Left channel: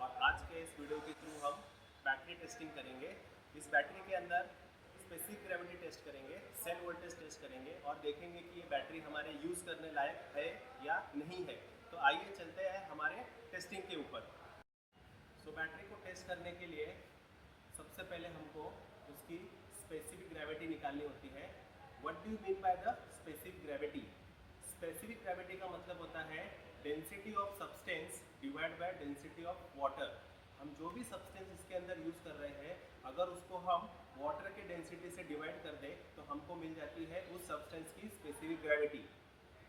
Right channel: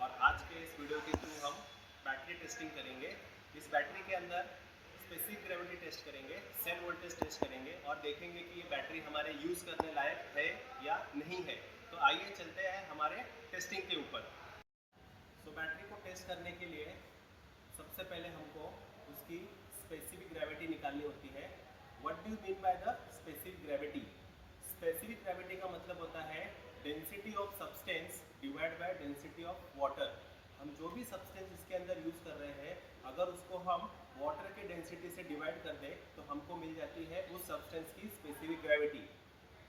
और आज के इस वीडियो के थ्रू हम बैटरी टेस्टिंग करेंगे। इस बैटरी के अंदर स्पेसिफिक ग्रेविटी टेस्ट करेंगे, सेल वोल्टेज टेस्ट करेंगे और देखेंगे कि ये बैटरी हमारे यूज़ करने लायक है या नहीं है। तो आइए चलते हैं हमारे टेस्टिंग के ऊपर। बैटरी को टेस्ट करने के लिए सबसे पहले हमको उसकी स्पेसिफिक ग्रेविटी निकालनी होती है। What do you mean by the specific gravity? Specific gravity का मतलब होता है density of substance divide by density of water. हम जो भी सब्सटेंस इसके अंदर यूज़ कर रहे हैं, अगर उसको हम वाटर के डेंसिटी से डिवाइड कर दें तो हमको मिल जाती है उस सब्सटेंस की स्पेसिफिक ग्रेविटी।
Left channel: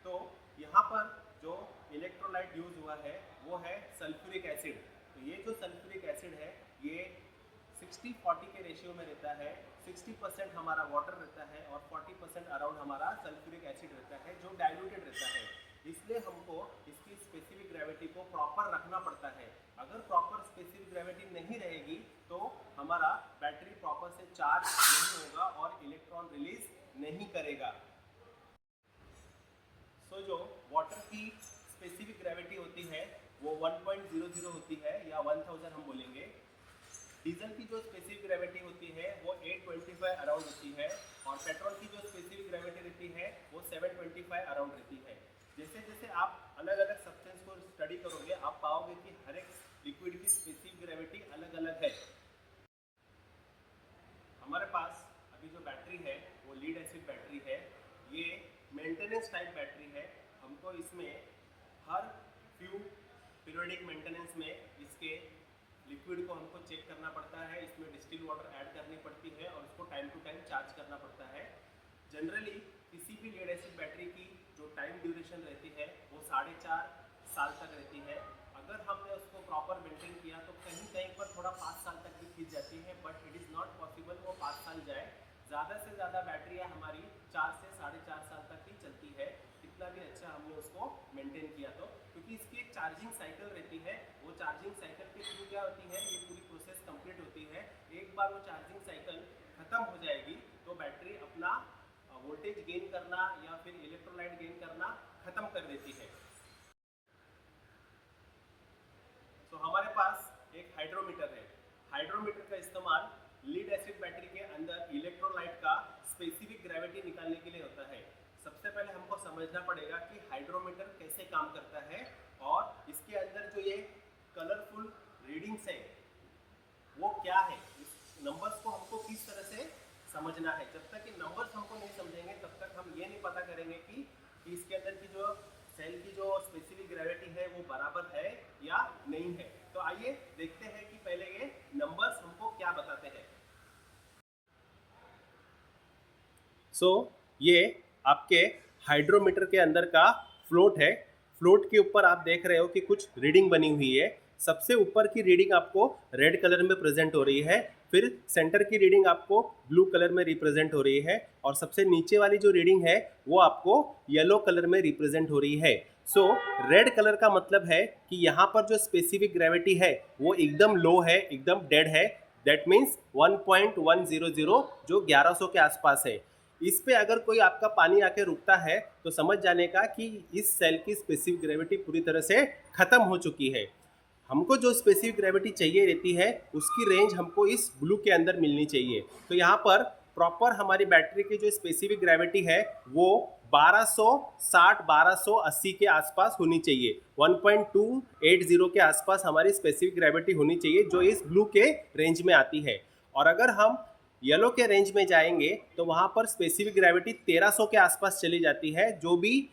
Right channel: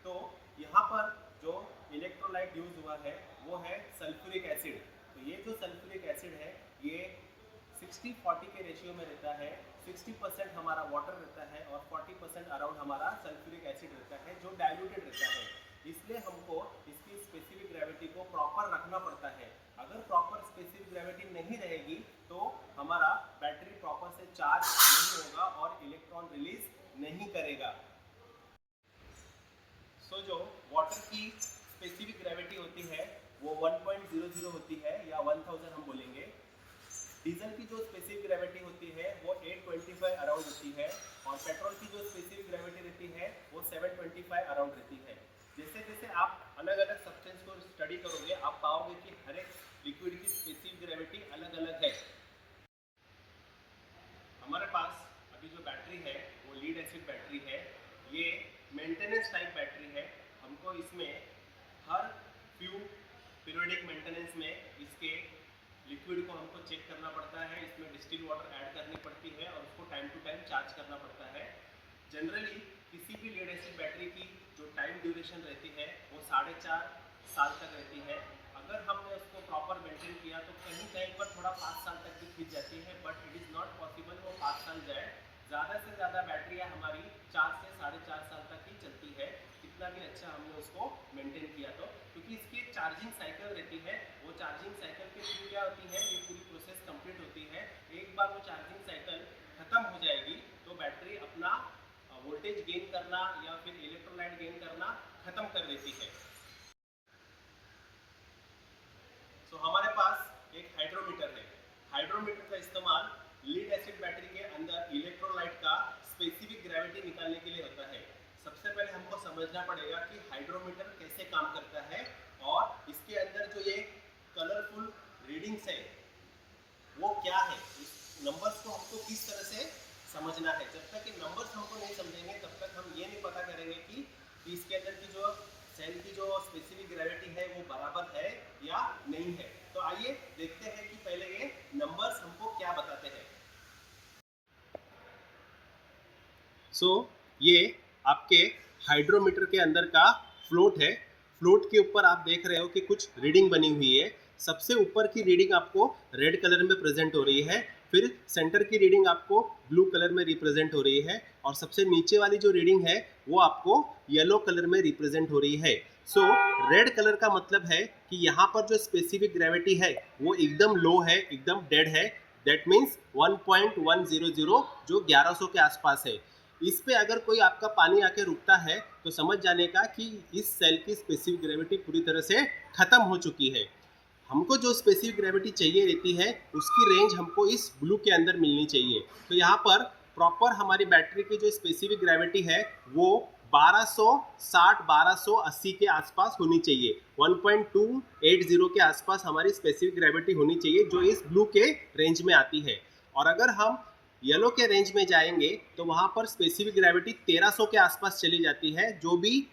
तो यहाँ पर जो इलेक्ट्रोलाइट यूज हुआ है वो है सल्फ्यूरिक एसिड। तो ये जो सल्फ्यूरिक एसिड है ये 60-40 के रेशियो में रहता है। 60% हमारा वाटर रहता है और 40% अराउंड हमारा सल्फ्यूरिक एसिड रहता है जो डाइल्यूटेड रहता है। इसलिए हमको इसकी स्पेसिफिक ग्रेविटी को प्रॉपर रखना पड़ता है। अगर प्रॉपर स्पेसिफिक ग्रेविटी नहीं रहेगी तो हमारा बैटरी प्रॉपर से चार्ज नहीं होगा और इलेक्ट्रॉन रिलीज नहीं करेगा। जो वाटर की स्पेसिफिक ग्रेविटी होती है वो 1.00 होती है या 1000 हम बोलेंगे। डीजल की जो स्पेसिफिक ग्रेविटी होती है वो 825 अराउंड होती है और पेट्रोल की जो स्पेसिफिक ग्रेविटी रहती है वो 725 अराउंड रहती है। जैसे जैसे आप अलग अलग सब्सटेंस को स्टडी करोगे आप पाओगे कि हर एक लिक्विड की स्पेसिफिक ग्रेविटी अलग अलग है। हमारे पास अभी जो बैटरी है वो लीड एसिड बैटरी है। ये मेंटेनेंस टाइप बैटरी है। हमको इसमें हर फ्यू पीरियोडिक मेंटेनेंस में इसके लिक्विड को हमको चेक करना पड़ता है। इसमें डिस्टिल वाटर ऐड करनी पड़ती है और उसको टाइम टू टाइम चार्ज करना पड़ता है। जनरली किसी भी लीड एसिड बैटरी की जो टाइम ड्यूरेशन रहती है वो 4.5 साल तक रहती है। अगर हमने उसको प्रॉपर मेंटेन किया तो कहीं कहीं पर थोड़ा 5 साल तक भी खींच जाती है, but it is not possible वो 5 साल जाए। ज़्यादा से ज़्यादा बैटरियाँ हमारी 4 से 4.5 साल तक ही चलती है, कितना भी अच्छा हमने उसको मेंटेन किया तो। क्योंकि इसकी एक चार्जिंग साइकिल रहती है, वो चार्जिंग साइकिल के थ्रू क्या होती है, ये पूरी प्रोसेस कंप्लीट होती है। एक बार वो चार्जिंग साइकिल ख़त्म हो जाएगी तो बैटरी अपना वोल्टेज गेन करना या फिर इलेक्ट्रोलाइट गेन करना ख़त्म कर देती है। हमारे पास एक हाइड्रोमीटर है। हाइड्रोमीटर का इस्तेमाल लीड एसिड बैटरी के अंदर इलेक्ट्रोलाइट का स्पेसिफिक ग्रेविटी निकालने के लिए होता है। सबसे पहले हमको समझना पड़ेगा कि हाइड्रोमीटर कैसे काम करता है और इसके अंदर जो ये कलरफुल रीडिंग्स है वो क्या है, इस नंबर्स को हमको किस तरह से समझना है। जब तक कि नंबर्स हमको नहीं समझेंगे तब तक हम ये नहीं पता करेंगे कि इसके अंदर की जो सेल की जो स्पेसिफिक ग्रेविटी है वो बराबर है या नहीं है। तो आइए देखते हैं कि पहले ये नंबर्स हमको क्या बताते हैं। ये आपके हाइड्रोमीटर के अंदर का फ्लोट है। फ्लोट के ऊपर आप देख रहे हो कि कुछ रीडिंग बनी हुई है। सबसे ऊपर की रीडिंग आपको रेड कलर में प्रेजेंट हो रही है, फिर सेंटर की रीडिंग आपको ब्लू कलर में रिप्रेजेंट हो रही है और सबसे नीचे वाली जो रीडिंग है वो आपको येलो कलर में रिप्रेजेंट हो रही है। रेड कलर का मतलब है कि यहाँ पर जो स्पेसिफिक ग्रेविटी है वो एकदम लो है, एकदम डेड है। दैट मीन्स 1.100 जो 1100 के आसपास है। इस पे अगर कोई आपका पानी आके रुकता है तो समझ जाने का कि इस सेल की स्पेसिफिक ग्रेविटी पूरी तरह से खत्म हो चुकी है। हमको जो स्पेसिफिक ग्रेविटी चाहिए रहती है उसकी रेंज हमको इस ब्लू के अंदर मिलनी चाहिए। तो यहाँ पर प्रॉपर हमारी बैटरी की जो स्पेसिफिक ग्रेविटी है वो 1260-1280 के आसपास होनी चाहिए। 1.280 के आसपास हमारी स्पेसिफिक ग्रेविटी होनी चाहिए जो इस ब्लू के रेंज में आती है। और अगर हम येलो के रेंज में जाएंगे तो वहाँ पर स्पेसिफिक ग्रेविटी 1300 के आसपास चली जाती है, जो भी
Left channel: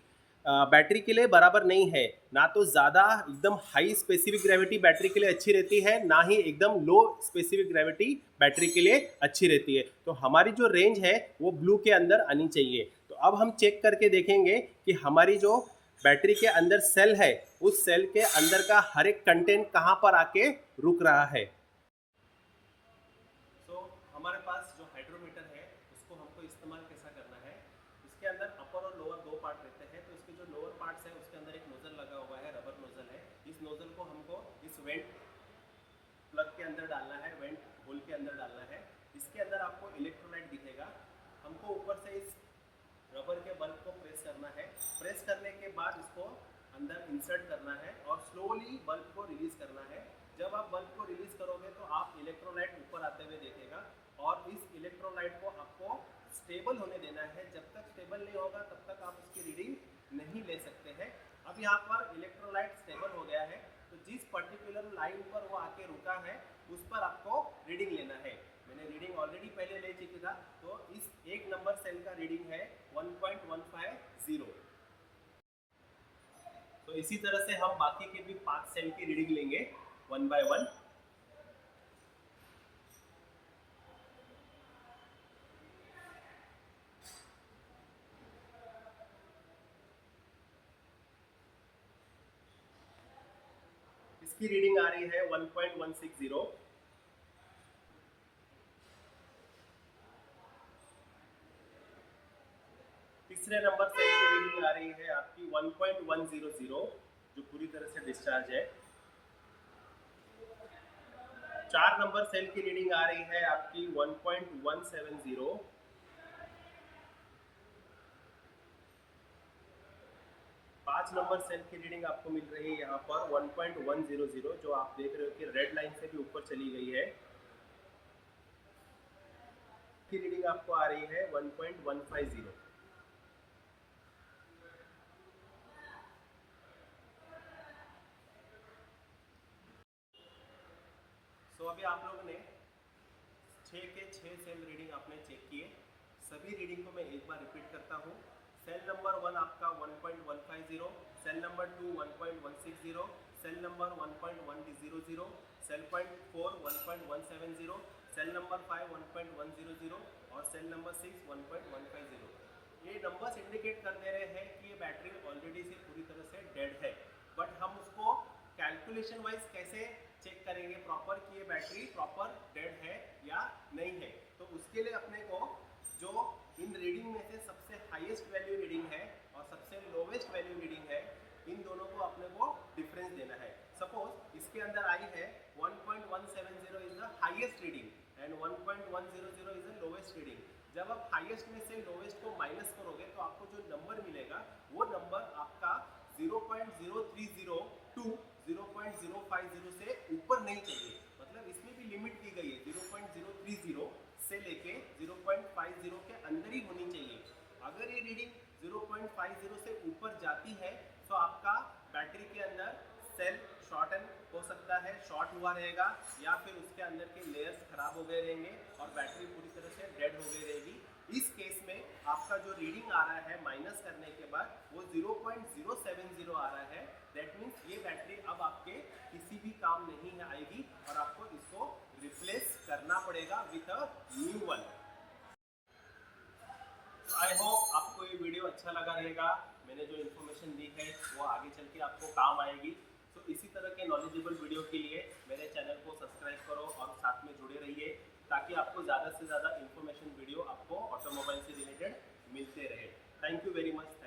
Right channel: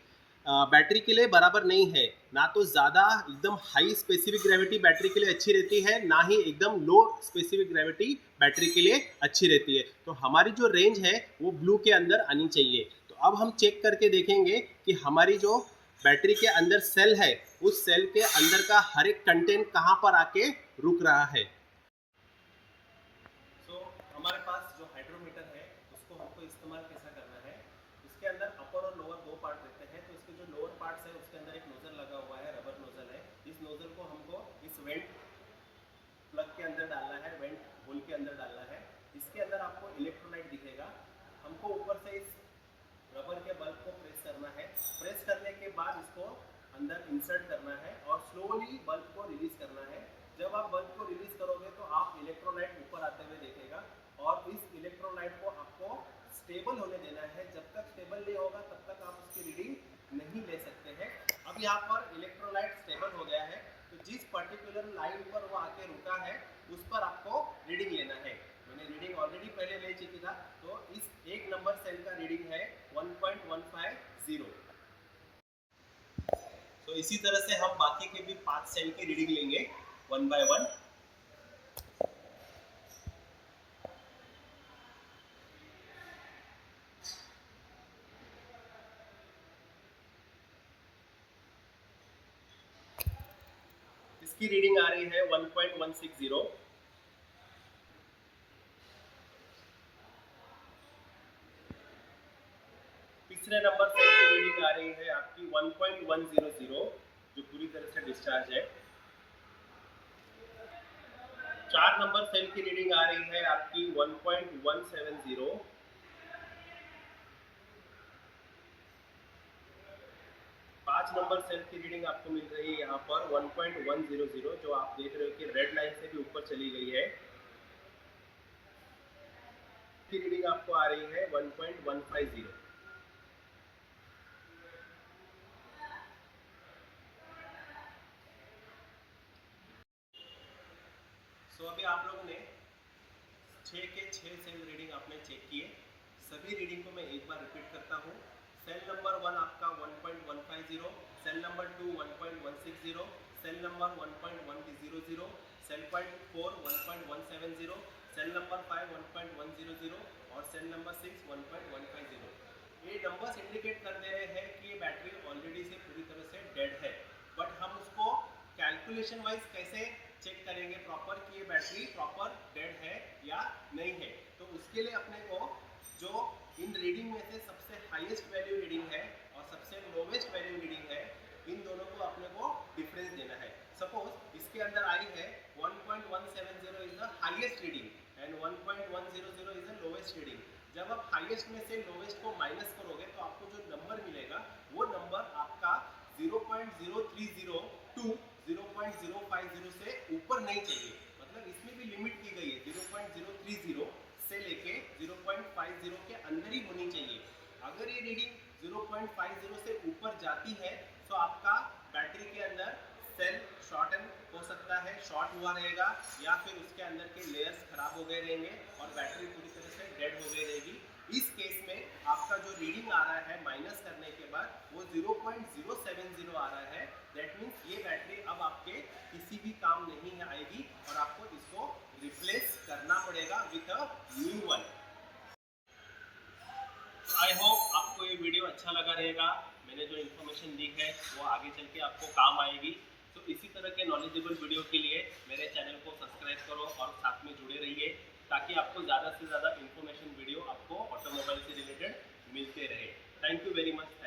बैटरी के लिए बराबर नहीं है। ना तो ज़्यादा एकदम हाई स्पेसिफिक ग्रेविटी बैटरी के लिए अच्छी रहती है, ना ही एकदम लो स्पेसिफिक ग्रेविटी बैटरी के लिए अच्छी रहती है। तो हमारी जो रेंज है वो ब्लू के अंदर आनी चाहिए। तो अब हम चेक करके देखेंगे कि हमारी जो बैटरी के अंदर सेल है उस सेल के अंदर का हर एक कंटेंट कहाँ पर आके रुक रहा है। हमारे पास जो हाइड्रोमीटर है उसको हमको इस्तेमाल कैसा करना है। इसके अंदर अपर और लोअर दो पार्ट रहते हैं। तो इसके जो लोअर पार्ट्स है उसके अंदर एक नोजल लगा हुआ है, रबर नोजल है। इस नोजल को हमको इस वेंट प्लग के अंदर डालना है, वेंट होल के अंदर डालना है। इसके अंदर आपको इलेक्ट्रोलाइट दिखेगा। हमको ऊपर से इस रबर के बल्ब को प्रेस करना है। प्रेस करने के बाद इसको अंदर इंसर्ट करना है और स्लोली बल्ब को रिलीज करना है। जब आप बल्ब को रिलीज करोगे तो आप इलेक्ट्रोलाइट ऊपर आते हुए देखेगा और इस इलेक्ट्रोलाइट को आपको स्टेबल होने देना है। जब तक स्टेबल नहीं होगा तब तक आप उसकी रीडिंग नहीं ले सकते हैं। अब यहाँ पर इलेक्ट्रोलाइट स्टेबल हो गया है तो जिस पर्टिकुलर लाइन पर वो आके रुका है उस पर आपको रीडिंग लेना है। मैंने रीडिंग ऑलरेडी पहले ले चुकी था, तो इस एक नंबर सेल का रीडिंग है 1.150। तो इसी तरह से हम बाकी के भी 5 सेल की रीडिंग लेंगे 1 बाय 1। इसकी रीडिंग आ रही है 1.160। तीसरे नंबर सेल की रीडिंग आ रही है आपकी 1.100 जो पूरी तरह से डिस्चार्ज है। 4 नंबर सेल की रीडिंग आ रही है आपकी 1.170। 5 नंबर सेल की रीडिंग आपको मिल रही है यहाँ पर 1.100 जो आप देख रहे हो कि रेड लाइन से भी ऊपर चली गई है। की रीडिंग आपको आ रही है 1.150। सो अभी आप लोगों ने 6 के 6 सेल रीडिंग आपने चेक किए। सभी रीडिंग को मैं एक बार रिपीट करता हूँ। सेल नंबर 1 आपका 1.150, sell number 2 1.160, sell number 1.100, sell point 4 1.170, sell number 5 1.100 और सेल नंबर 6 1.150। ये नंबर्स इंडिकेट कर दे रहे हैं कि ये बैटरी ऑलरेडी से पूरी तरह से डेड है, बट हम उसको कैलकुलेशन वाइज कैसे चेक करेंगे प्रॉपर कि ये बैटरी प्रॉपर डेड है या नहीं है। तो उसके लिए अपने को जो इन रीडिंग में से सबसे हाईएस्ट वैल्यू रीडिंग है और सबसे लोवेस्ट वैल्यू रीडिंग है, इन दोनों को अपने को डिफरेंस देना है। सपोज इसके अंदर आई है 1.170 is the highest reading and 1.100 is the lowest reading. जब आप हाईएस्ट में से लोवेस्ट को माइनस करोगे तो आपको जो नंबर मिलेगा वो नंबर आपका 0.030 टू 0.050 से ऊपर नहीं चाहिए। मतलब इसमें भी लिमिट की गई है, 0.030 से लेके 0.50 के अंदर ही होनी चाहिए। अगर ये रीडिंग 0.50 से ऊपर जाती है तो आपका बैटरी के अंदर सेल शॉर्टन हो सकता है, शॉर्ट हुआ रहेगा, या फिर उसके अंदर के लेयर्स खराब हो गए रहेंगे और बैटरी पूरी तरह से डेड हो गई रहेगी। इस केस में आपका जो रीडिंग आ रहा है माइनस करने के बाद वो 0.070 आ रहा है। दैट मीन्स ये बैटरी अब आपके किसी भी काम नहीं आएगी और आपको इसको रिप्लेस करना पड़ेगा with a new one. I hope आपको ये वीडियो अच्छा लगा रहेगा। मैंने जो इन्फॉर्मेशन दी है वो आगे चल के आपको काम आएगी। तो इसी तरह के नॉलेजेबल वीडियो के लिए मेरे चैनल को सब्सक्राइब करो और साथ में जुड़े रहिए ताकि आपको ज़्यादा से ज़्यादा इन्फॉर्मेशन वीडियो आपको ऑटोमोबाइल से रिलेटेड मिलते रहे। Thank you very much.